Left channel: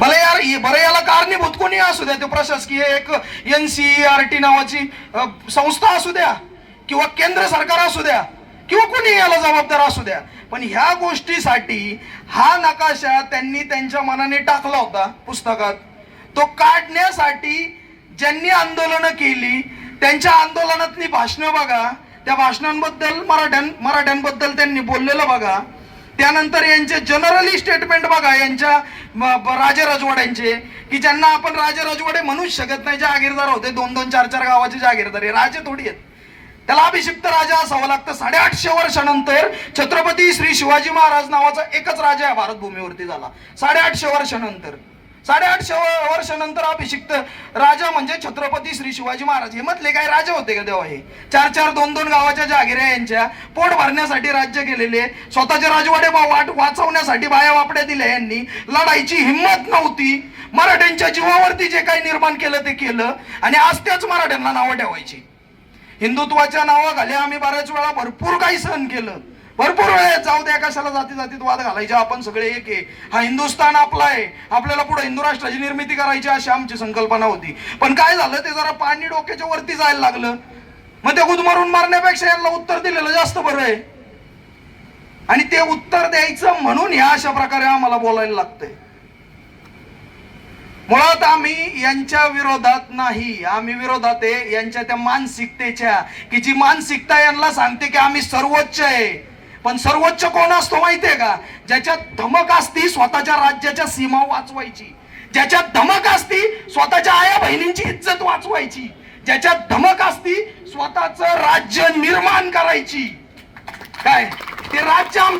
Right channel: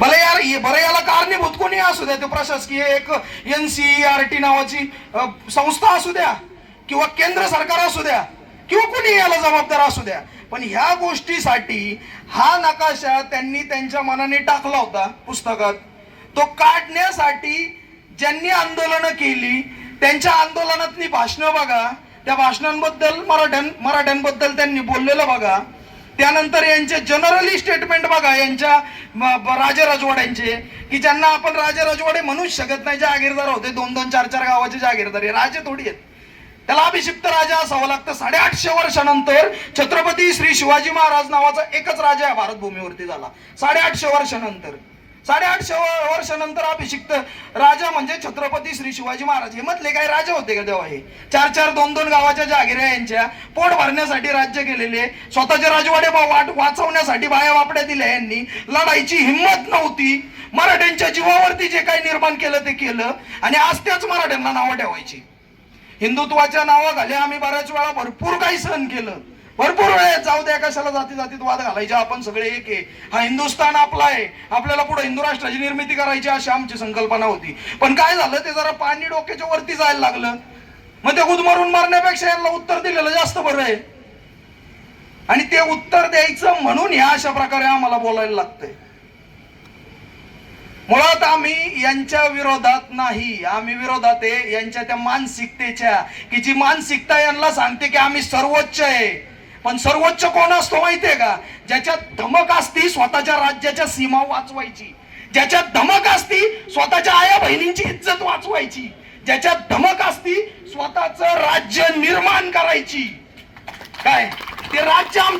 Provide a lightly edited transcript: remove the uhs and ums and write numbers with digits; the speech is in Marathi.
बरं याला कारणीभूत कोणी असू द्या, ते प्रशासकीय एक NCERT नावाची संस्था असू द्या किंवा केंद्र सरकार असू द्या किंवा कोणी याला जबाबदार असू द्या, पण ह्या गोष्टीसाठी हा नकाशा त्यांनी त्यांच्या मनाने टाकला होता पुस्तकात. तो काढण्यासाठी ज्यांनी आंदोलनं केली त्यांच्या आंदोलनातली भाषणं बघा, त्या भाषणांबद्दल मराठ्यांबद्दल त्यांनी बोललेलं बघा, त्यानंतर यांचे जनरली स्टेटमेंट बघा, यांच्या राजे राजवाड्यांचे, की ज्यांना आपण राजे राजवाडे म्हणूच शकत नाही, जहागीरदार होते, 2-2, 4-4 गावाचे जहागीरदार, राजे थोडी आहेत. त्याला अभिषिक्त राजा असावं लागतं. 850 वर्षानंतर छत्रपती श्री शिवाजी महाराज नावाचा एकच राजा या भारत भूमीवरती झाला. 850 वर्षानंतर अभिषिक्त राजा म्हणजे छत्रपती श्री शिवाजी महाराज. हे मधले काय राजा होते का तेव्हा? हे 4-4, 2-2 गावाच्या जहागिऱ्या यांच्या पोट भरण्यासाठी राज्य केलेले, स्वतःचे राजवाडे वाचवण्यासाठी बाया वापड्या दिल्या यांनी. लढाईची हिंमत नव्हती. मराठ्यांच्या जीवावरती जे काही निर्माण केलं ते केलं आणि आज त्याच मराठ्यांना नावं ठेवायची. हिंदुत्वाच्या नावाखाली आम्ही बऱ्याच वेळा भरपूर काही सहन केलं, भरपूर वेळेस. जाऊ द्या, कशाला जातीत वाद घालायचे, आपण सगळे एक आहे, हा हिंदुस्थान आपला आहे, आपल्याला पुढे हिंदू राष्ट्राची निर्मिती करायची अशी आमची संकल्पना होती. पण काय झालं, ते जरा पाणी डोक्याच्या वरती जायला लागलं. मग ते गुदमरून मारण्यापेक्षा यांना उत्तर दिलेलं जास्त बरं आहे. आणि ते उत्तर द्यायचं म्हणून ह्या अशा प्रकारे आम्हाला बोलायला लागतंय. मुळात आम्ही यांच्या विरोधात नाही, आम्ही विरोधात आहे यांच्या त्या मानसिकतेच्या, की जी मानसिकता यांना सांगते की आम्ही सर्वोच्च आहे. पण सर्वोच्च कोण असतो माहितीये का? ज्याच्यात धमक असती स्वतःच्या राज्याच्या सीमा वाचवायची, ज्याच्यात धमक असती स्वतःच्या आया बहिणींची इज्जत वाचवायची, ज्याच्यात धमक असती स्वतःचं राज्य निर्माण करायची. काय ते राज्य आमच्या